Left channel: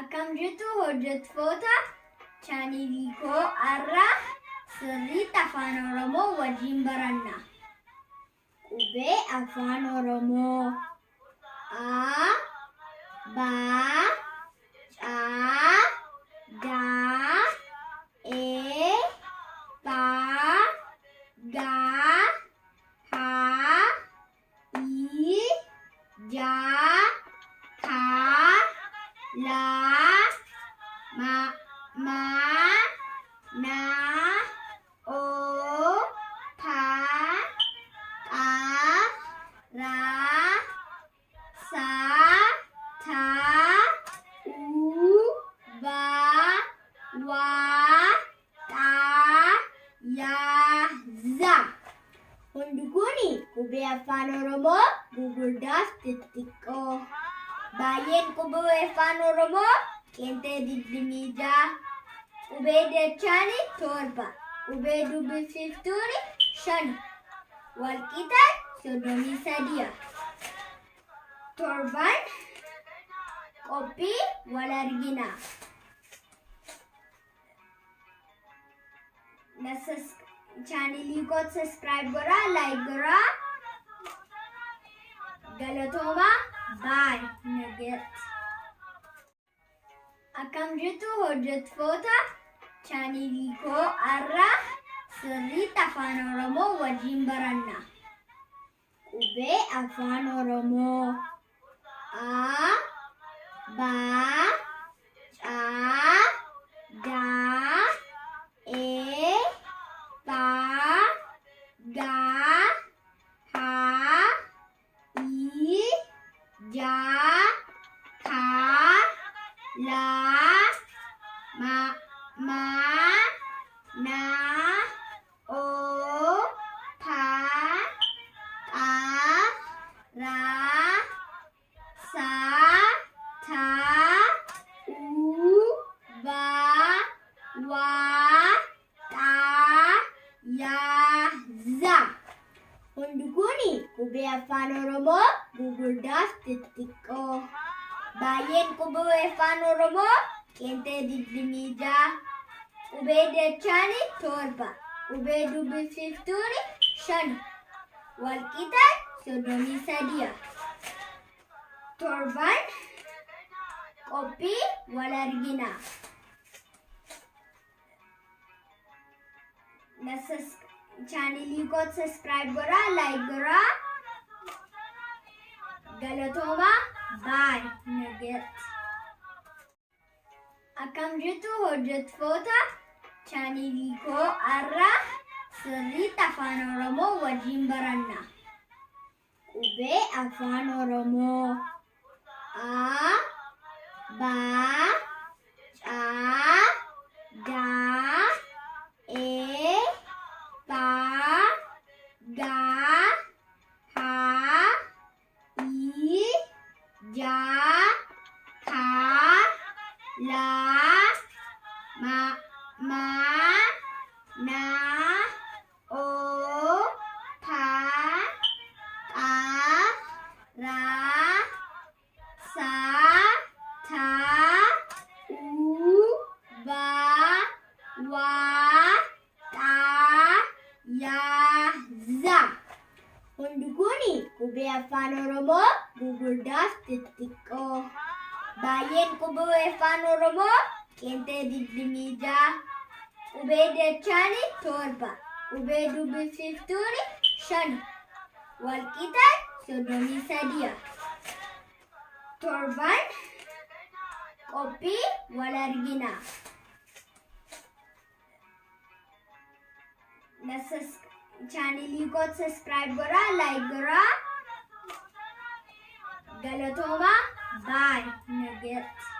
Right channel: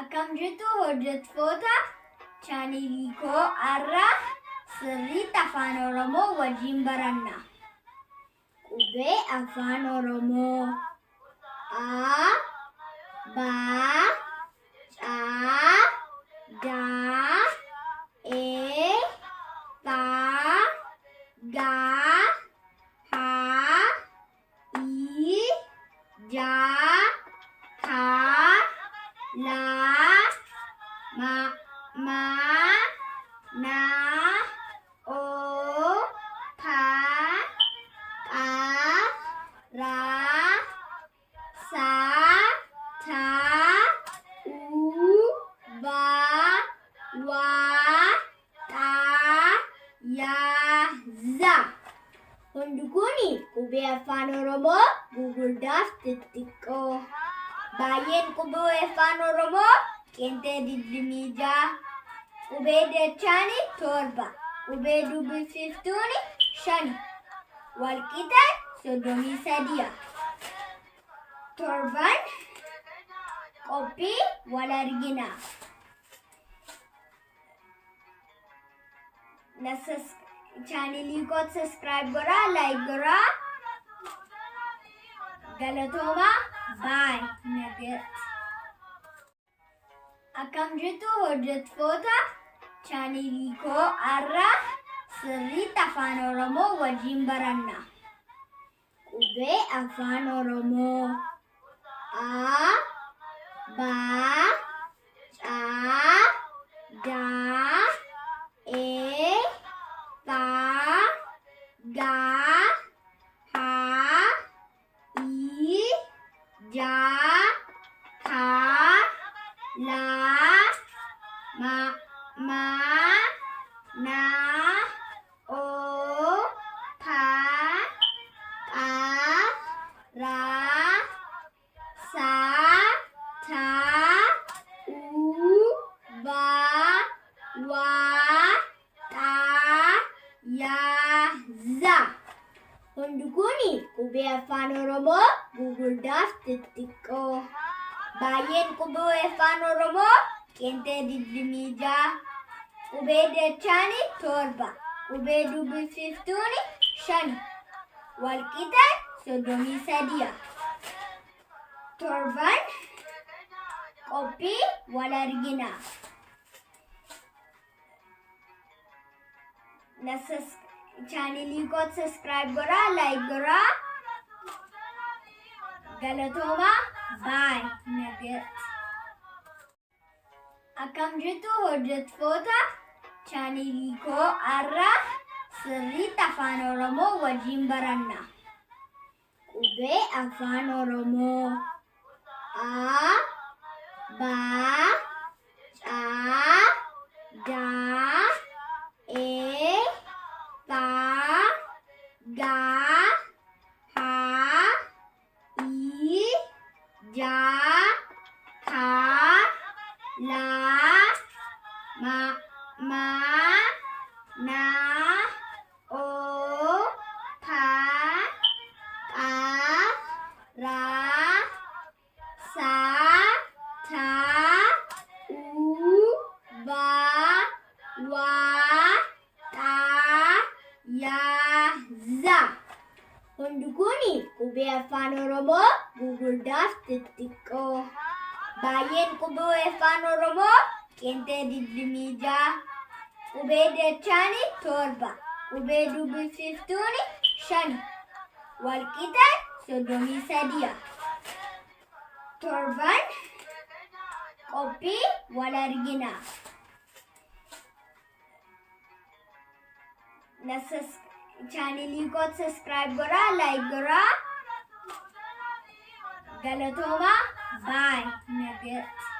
Akkam jirtu hojjettoota chaanelii koo har'a sirriitti afaan Oromoo wajjin baranna. Qubee afaan Oromoo A, Ba, Ca, Da, E, Ba, Ga, Ha, I, Ja, Ka, La, Ma, Na, O, Pa, Pa, Ra, Sa, Tha, U, Ba, Wa, Ta, Ya, Za. Hundi kuni qubee afaan Oromoo gugurdaaf xixiqqoo. Baay'een qubee afaan Oromoo qeenxee 26. Qubee dachaani 7. Qubee dubbiftuuni 5. Walqixa 33. Torban qophii wal argina. Chaanelii koo subscribe godhaa, like godhaa. Galatooma. Bye. Nagaatti. Akkam jirtu hojjettoota chaanelii koo har'a sirriitti afaan Oromoo wajjin baranna. Qubee afaan Oromoo A, Ba, Ca, Da, E, Ba, Ga, Ha, I, Ja, Ka, La, Ma, Na, O, Pa, Pa, Ra, Sa, Tha, U, Ba, Wa, Ta, Ya, Za. Hundi kuni qubee afaan Oromoo gugurdaaf xixiqqoo. Baay'een qubee afaan Oromoo qeenxee 26. Qubee dachaani 7. Qubee dubbiftuuni 5. Walqixa 33. Torban qophii wal argina. Chaanelii koo subscribe godhaa, like godhaa. Galatooma. Bye. Nagaatti. Akkam jirtu hojjettoota chaanelii koo har'a sirriitti afaan Oromoo wajjin baranna. Qubee afaan Oromoo A, Ba, Ca, Da, E, Ba, Ga, Ha, I, Ja, Ka, La, Ma, Na, O, Pa, Pa, Ra, Sa, Tha, U, Ba, Wa, Ta, Ya, Za. Hundi kuni qubee afaan Oromoo gugurdaaf xixiqqoo. Baay'een qubee afaan Oromoo qeenxee 26. Qubee dachaani 7. Qubee dubbiftuuni 5. Walqixa 33. Torban qophii wal argina. Chaanelii koo subscribe godhaa, like godhaa. Galatooma. Bye. Nagaatti.